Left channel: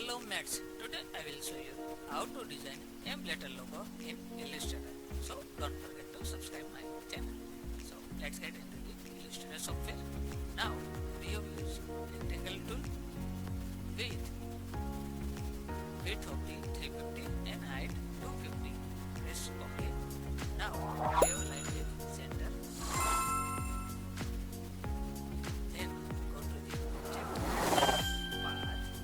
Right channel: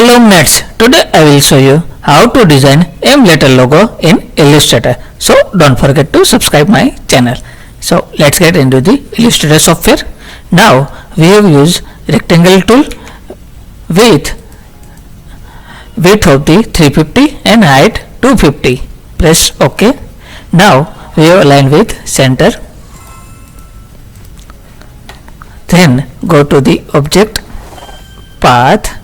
Hello mates, today I will show you how to design M-letter logo in Illustrator. So don't forget to subscribe my channel. So let's get into the Illustrator software. Now we have used rectangle tool with width of the 350 and height 250. Press OK. Now we have aligned with center. Then go to the object path,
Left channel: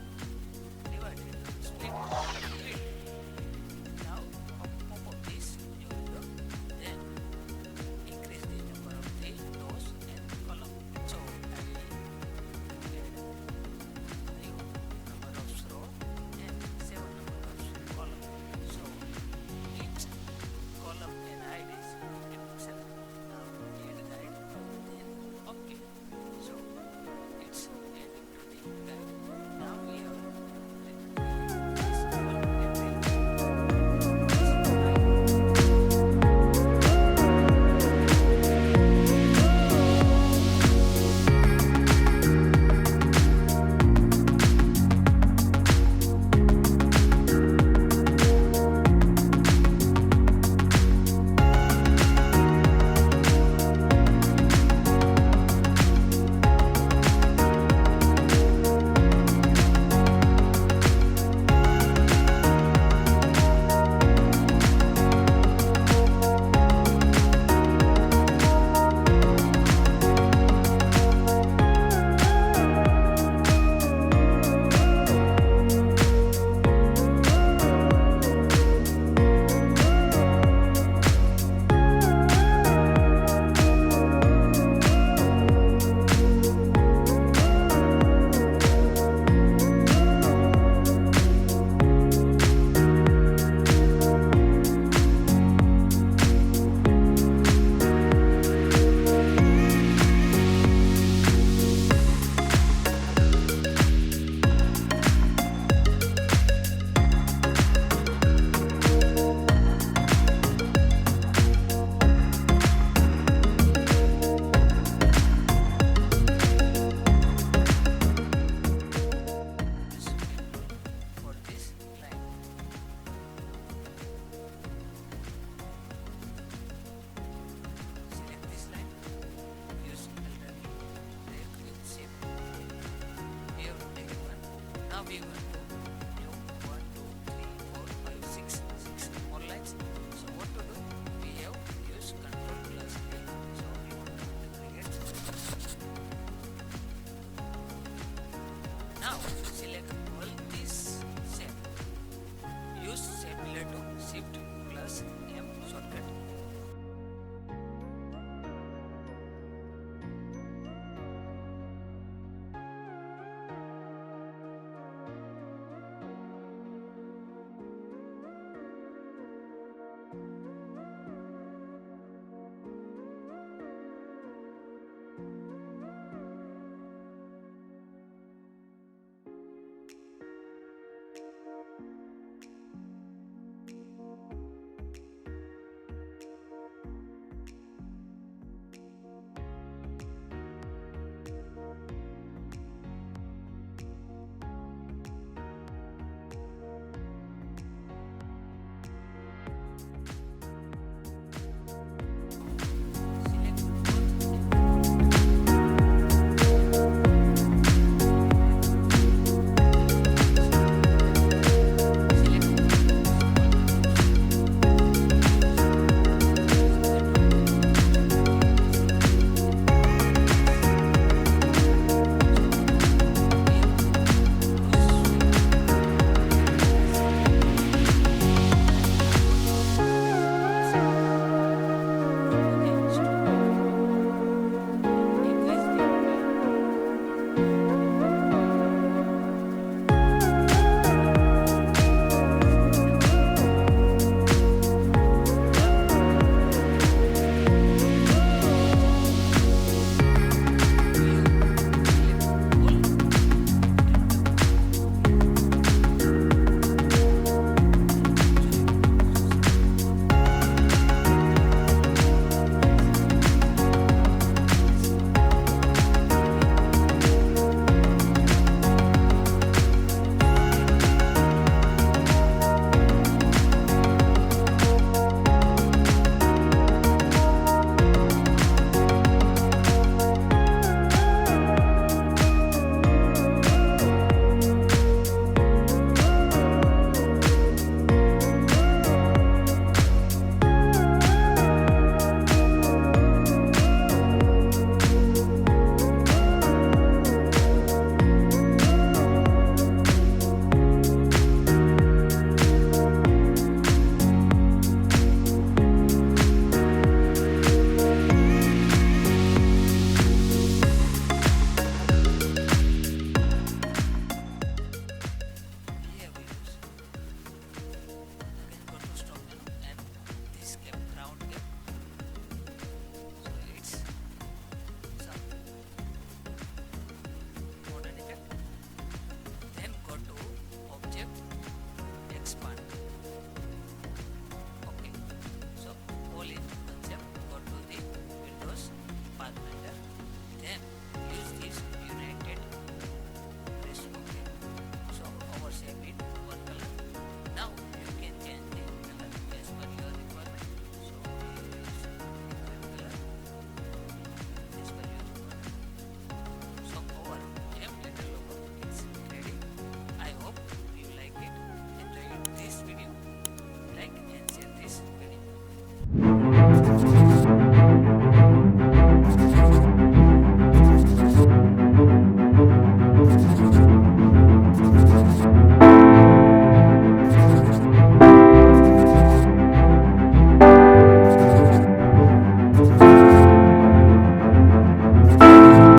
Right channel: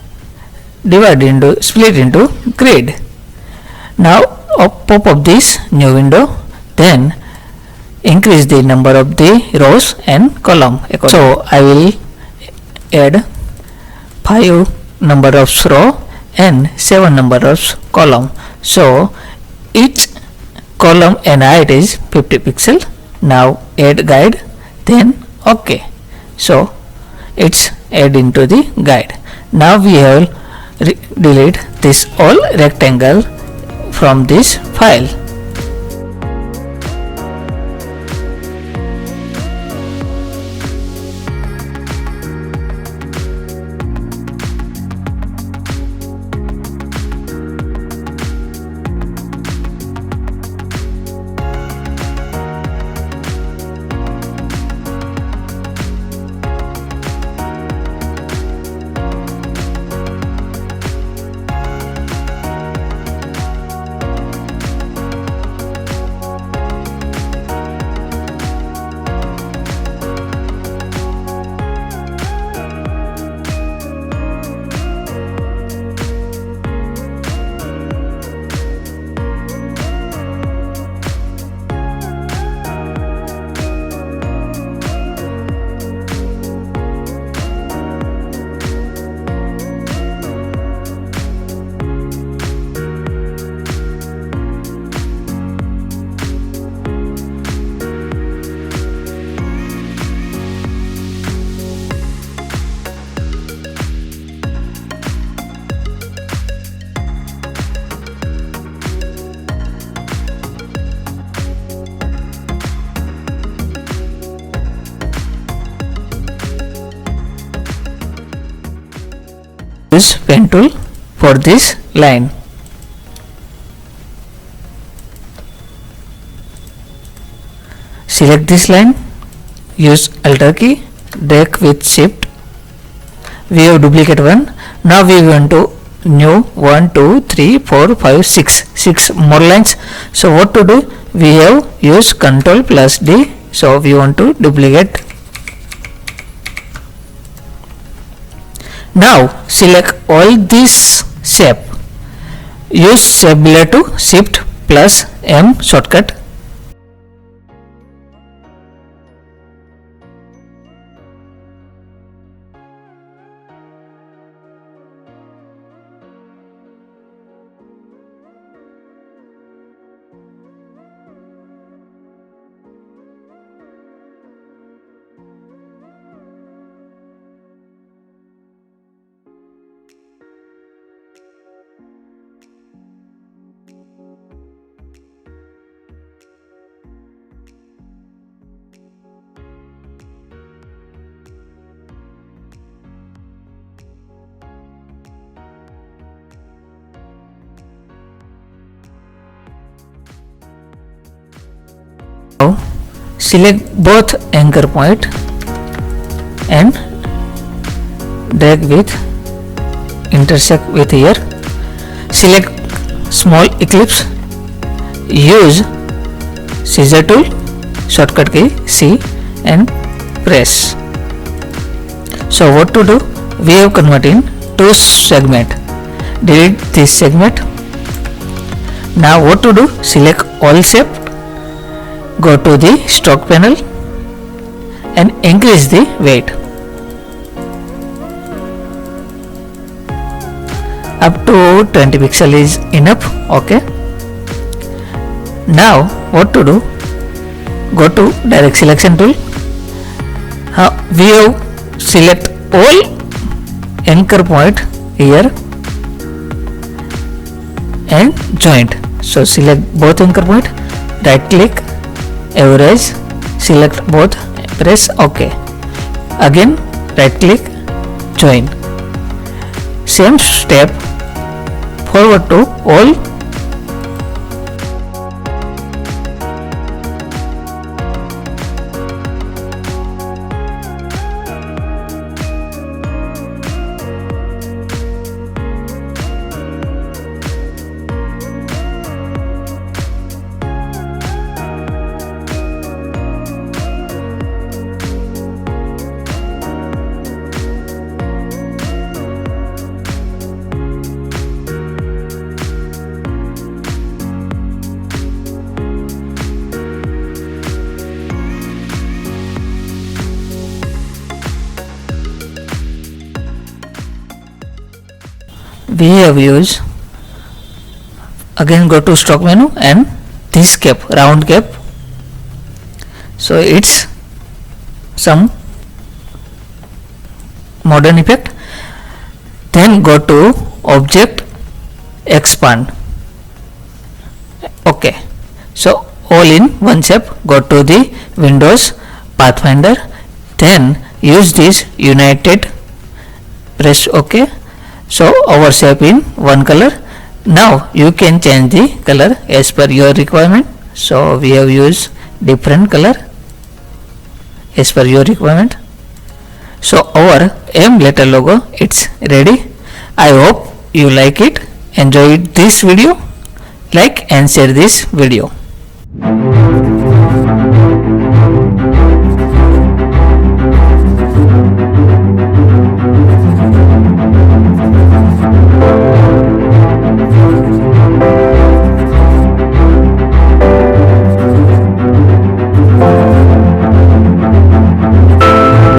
split into grid. Now pop up this new window, then increase the number of the rows and column. So I will add 5 number of row and 7 number of column. So each column and height is 50 pixel. Now add guide, then OK. So it's add into the guide. Now we have delete this all rectangle from this file. Use pen tool for this line. Select this line, use Alt key, drag with Shift. We have duplicate one. Now we want to new 1, 2, 3, 4, 5, 6 more lines. So what to do? We have use Ctrl plus D. So we want to duplicate. Now select all this shape. Use shape builder to Shift plus M shortcut. Now select both anchor point and drag with intersect with here. Select small ellipse. Use scissor tool, shortcut key C and press. So what to do? We have converted in 2 segment. Delete this segment. Now what to do? Select all shape. Go to the stroke panel and increase the weight up to 20 pixel is enough. OK. Now what to do? Go to direct selection tool. We have select all anchor point here and joint. So select both anchor point, right click, average, select both, press OK. Again right click, join. Same step forward to all. We have used, again go to stroke menu and this cap, round cap, so it's some modern effect. Then go to object, expand. Okay, so all in one shape. Go to the Windows Pathfinder, then use this united, press OK. So our shape in one color. Now you can change the color as per your requirement. So we have used different color as per your requirement. So our M letter logo, it's ready. I hope you like it. Enjoy this video. Like and share this video.